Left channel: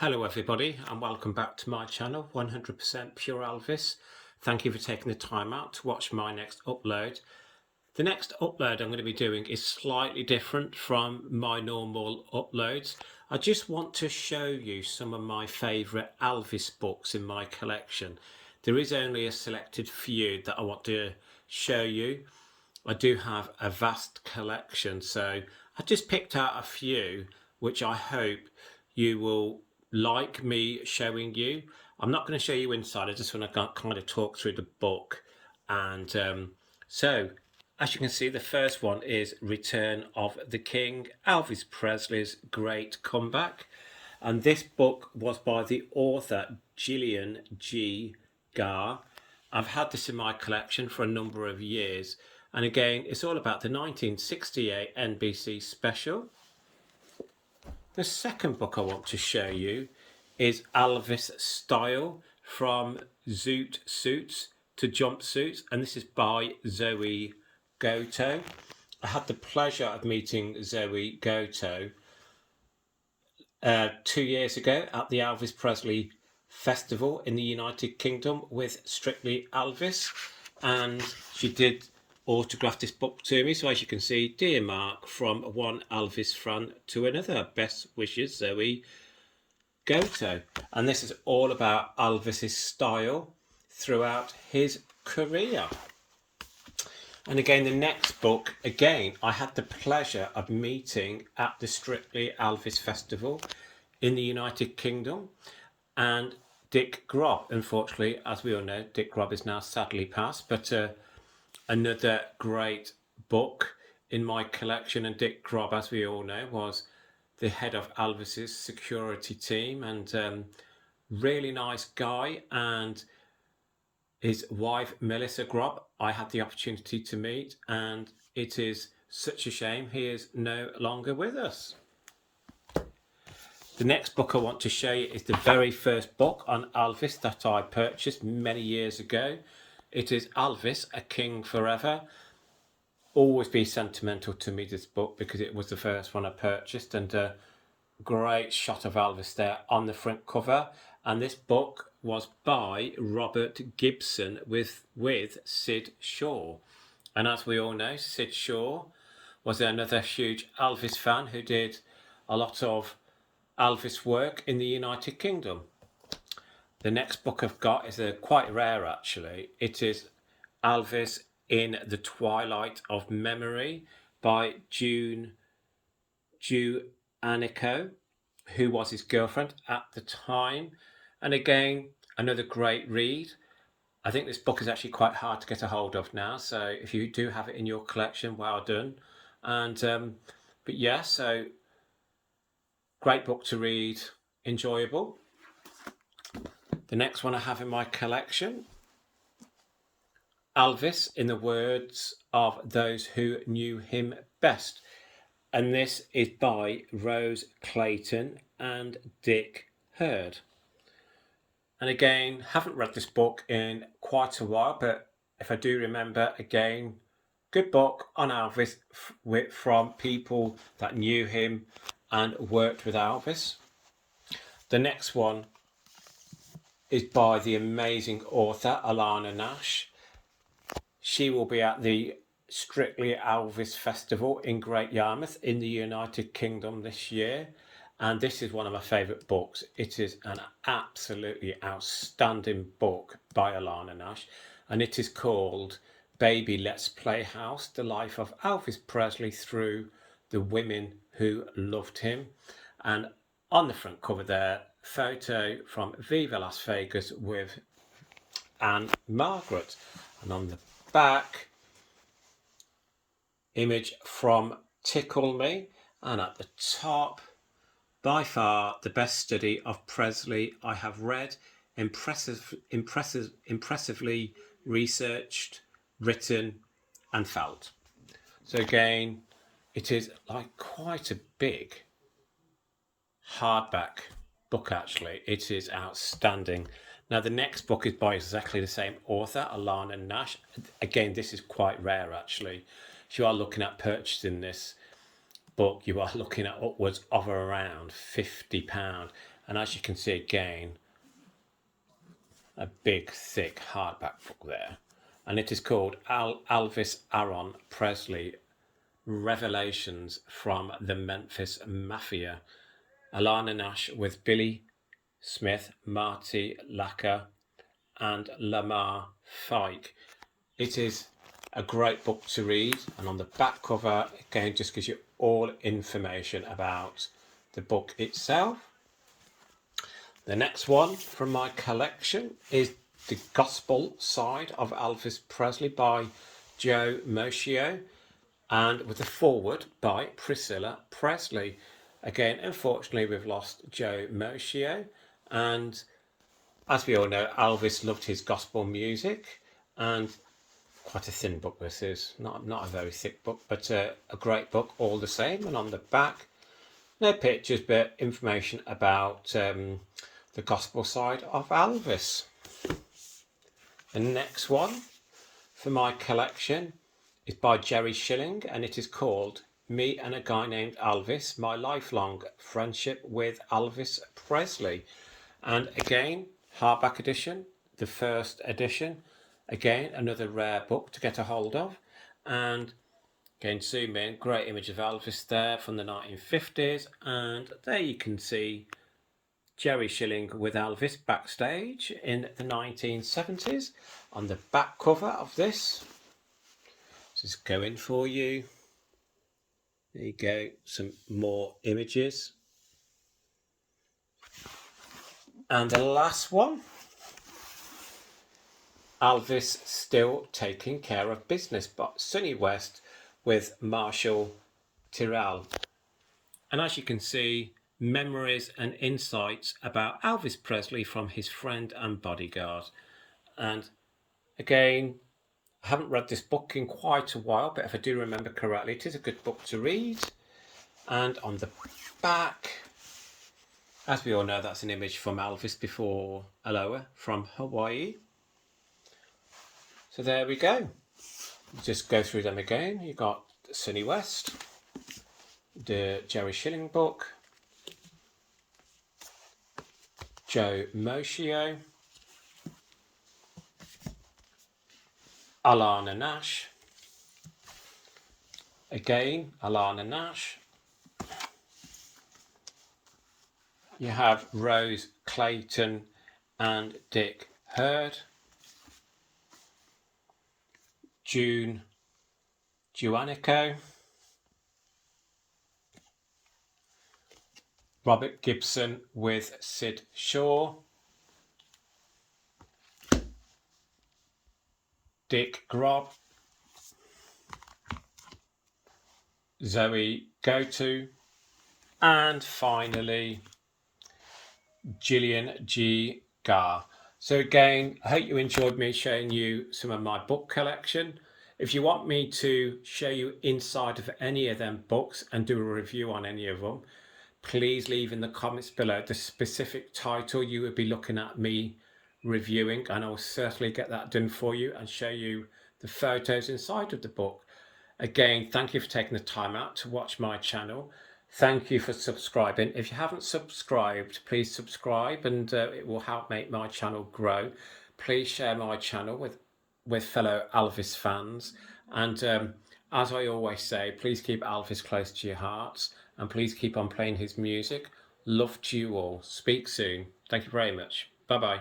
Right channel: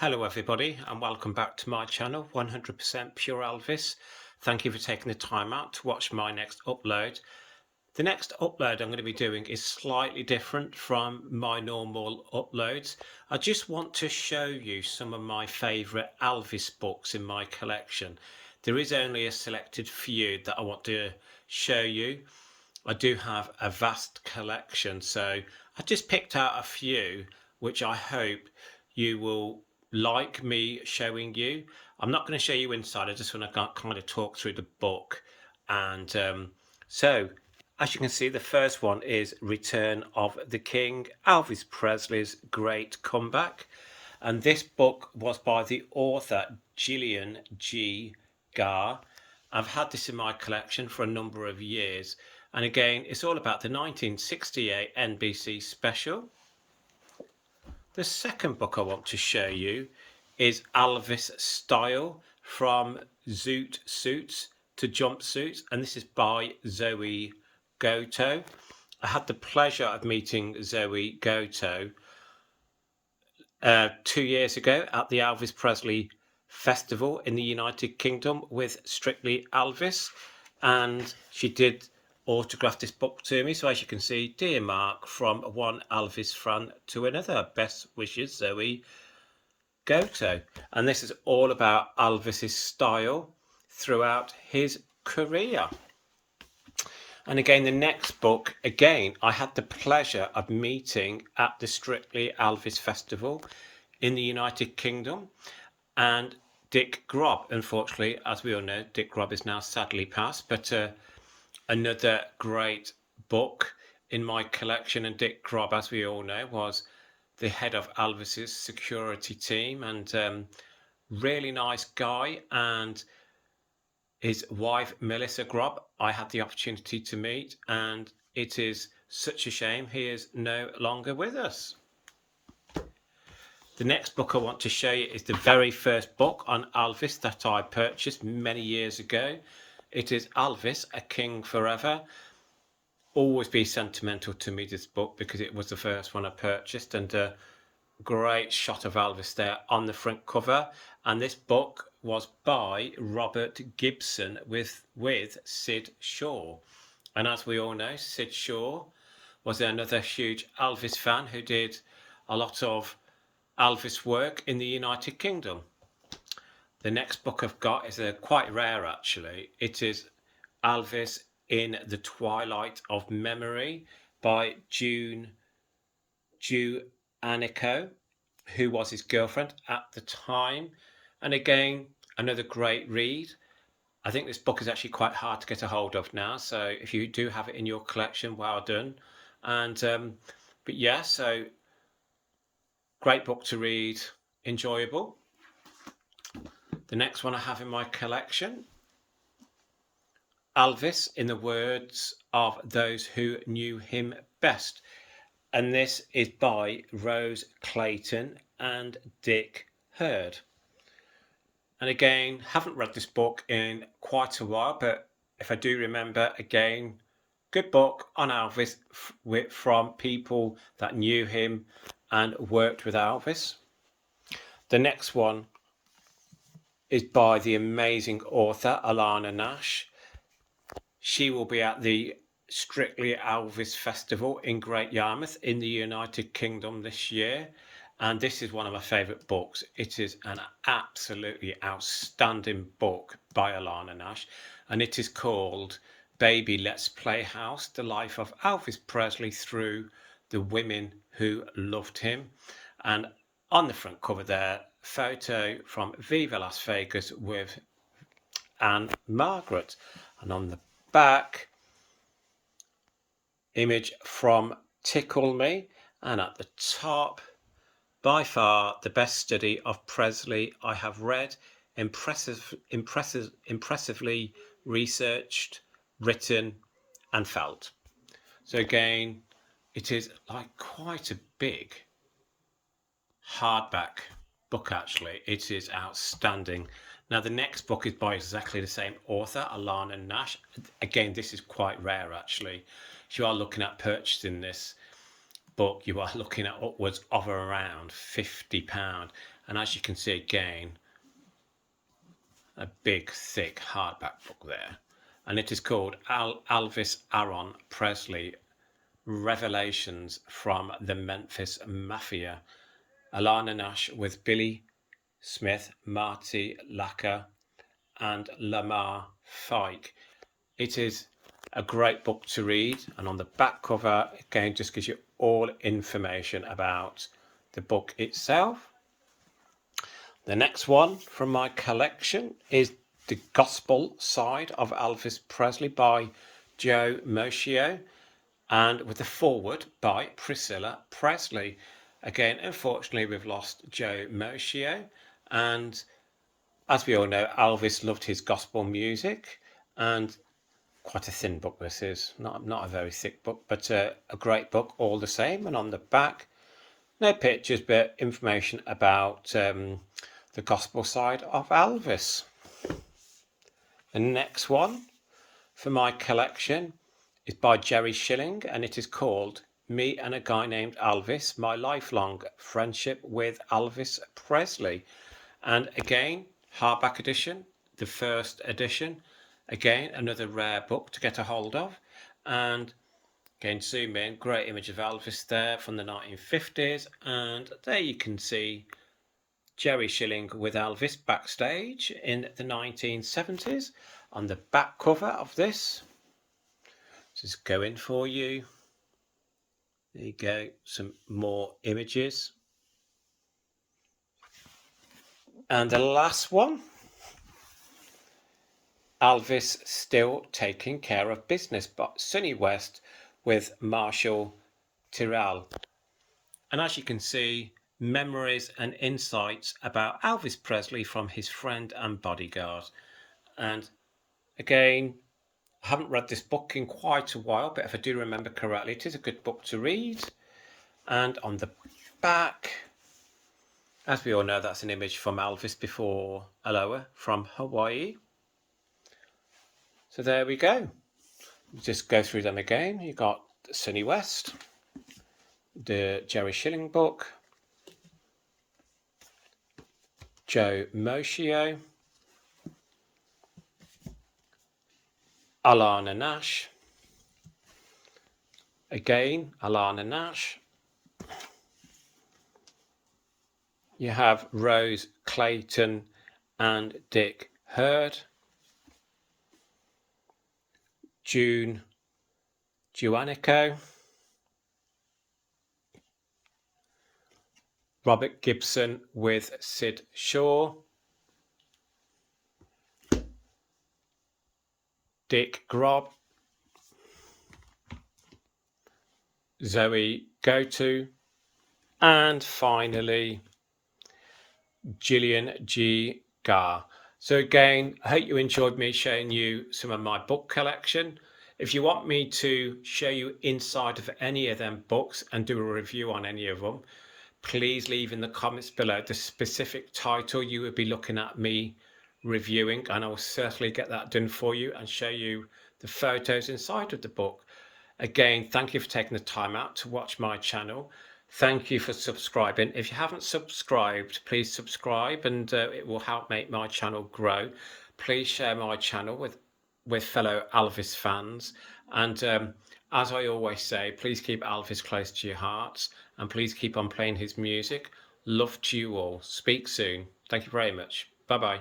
Hello everybody and welcome back to my channel 100% Pure Elvis. Thank you for taking the time out to watch my next upload. The next upload I'm going to be doing is slightly different from my normal uploads. I just want to show you some of my favourite Elvis books in my collection. There is only a selected few that I want to show you. I do have a vast collection, so I just picked out a few which I hope you will like me showing you. I'm not going to show you inside, I just want to kind of talk through the book. And so, as you can see, the first one is Return of the King, Elvis Presley's Great Comeback. And this book was by the author Gillian G. Garr. I've had this in my collection for a number of years. And again, it's all about the 1968 NBC special. The second book I want to show you is Alvis Style, From Zoot Suits to Jumpsuits, and this is by Zoe Goto. I had the pleasure of meeting Zoe Goto 2 years ago at the Elvis Presley Festival in the United Kingdom with Strictly Elvis, and she did autograph this book to me. So as you can see, dear Mark, from one Elvis fan to another, best wishes, Zoe Goto. And this is all about Elvis's style throughout his career. And again, the next book, again, I had the pleasure of meeting at the Strictly Elvis Festival in the United Kingdom. And Dick Grobb, unfortunately, as we all know, Dick Grobb is now sadly passed, but another great book in my collection. And Dick Grobb, as we all know, was the head of Elvis's security team, and really nice guy. And his wife, Melissa Grobb, I had the opportunity to meet, and it is such a shame he is no longer with us. The next book I want to show you is the very first book on Elvis that I purchased many years ago. It is Elvis, A King Forever. Always be sentimental to me, this book, because it was the first one I purchased, and a great shot of Elvis there on the front cover. And this book was by Robert Gibson with Sid Shaw. And as we all know, Sid Shaw was another huge Elvis fan who did a lot of Elvis work in the United Kingdom. The next book I've got is quite rare, actually. It is Elvis in the Twilight of Memory by June Anico, who was his girlfriend at the time. And again, another great read. I think this book is actually quite hard to get a hold of now, so if you do have it in your collection, well done. And but yeah, so great book to read, enjoyable. The next one I have in my collection, Elvis in the Words of Those Who Knew Him Best. And this is by Rose Clayton and Dick Hurd. And again, haven't read this book in quite a while, but if I do remember, again, good book on Elvis from people that knew him and worked with Elvis. The next one is by the amazing author Alana Nash. She will be at the Strictly Elvis Festival in Great Yarmouth in the United Kingdom this year. And this is one of my favourite books. It is an absolutely outstanding book by Alana Nash. And it is called Baby Let's Play House, The Life of Elvis Presley Through the Women Who Loved Him. And on the front cover there, photo from Viva Las Vegas with Anne Margaret. And on the back, image from Tickle Me. And at the top, by far the best study of Presley I have read, impressively researched, written and felt. So again, it is like quite a big hardback book, actually. It is outstanding. Now, the next book is by exactly the same author, Alana Nash. Again, this is quite rare, actually. If you are looking at purchasing this, book, you are looking at upwards of around £50. And as you can see again, a big, thick hardback book there. And it is called Alvis Presley Revelations from the Memphis Mafia. Alana Nash with Billy Smith, Marty Lacker, and Lamar Fike. It is a great book to read, and on the back cover again just gives you all information about the book itself. The next one from my collection is The Gospel Side of Elvis Presley by Joe Moschio, and with the foreword by Priscilla Presley. Again, unfortunately, we've lost Joe Moschio, and as we all know, Elvis loved his gospel music, and quite a thin book this is, not a very thick book, but a great book all the same. And on the back, no pictures, but information about the gospel side of Elvis. The next one for my collection is by Jerry Schilling, and it is called Me and a Guy Named Elvis, My Lifelong Friendship with Elvis Presley. And again, hardback edition, the first edition. Again, another rare book to get a hold of. And again, zoom in, great image of Elvis there from the 1950s. And there you can see Jerry Schilling with Elvis backstage in the 1970s. On the back cover of this, just go in for you. There you go, some more images. And the last one, Elvis Still Taking Care of Business by Sonny West with Marshall Tyrrell. And as you can see, memories and insights about Elvis Presley from his friend and bodyguard. And again, I haven't read this book in quite a while, but if I do remember correctly, it is a good book to read. And on the back, as we all know, that's an image from Elvis before Aloha from Hawaii. So there we go. Just go through them again. You got Sonny West, the Jerry Schilling book, Joe Moschio, Alana Nash, again Alana Nash. You have Rose Clayton and Dick Hurd, June Juanico, Robert Gibson with Sid Shaw, Dick Grobb, Zoe Goto, and finally Gillian G. Garr. So again, I hope you enjoyed me showing you some of my book collection. If you want me to show you inside of any of them books and do a review on any of them, please leave in the comments below the specific title you would be looking at me reviewing, and I will certainly get that done for you and show you the photos inside of the book. Again, thank you for taking the time out to watch my channel. Thank you for subscribing. If you haven't subscribed, please subscribe, and it will help make my channel grow. Please share my channel with fellow Elvis fans. And as I always say, please keep Elvis close to your hearts, and please keep on playing his music. Love to you all. Speak soon. Thank you very much. Bye-bye.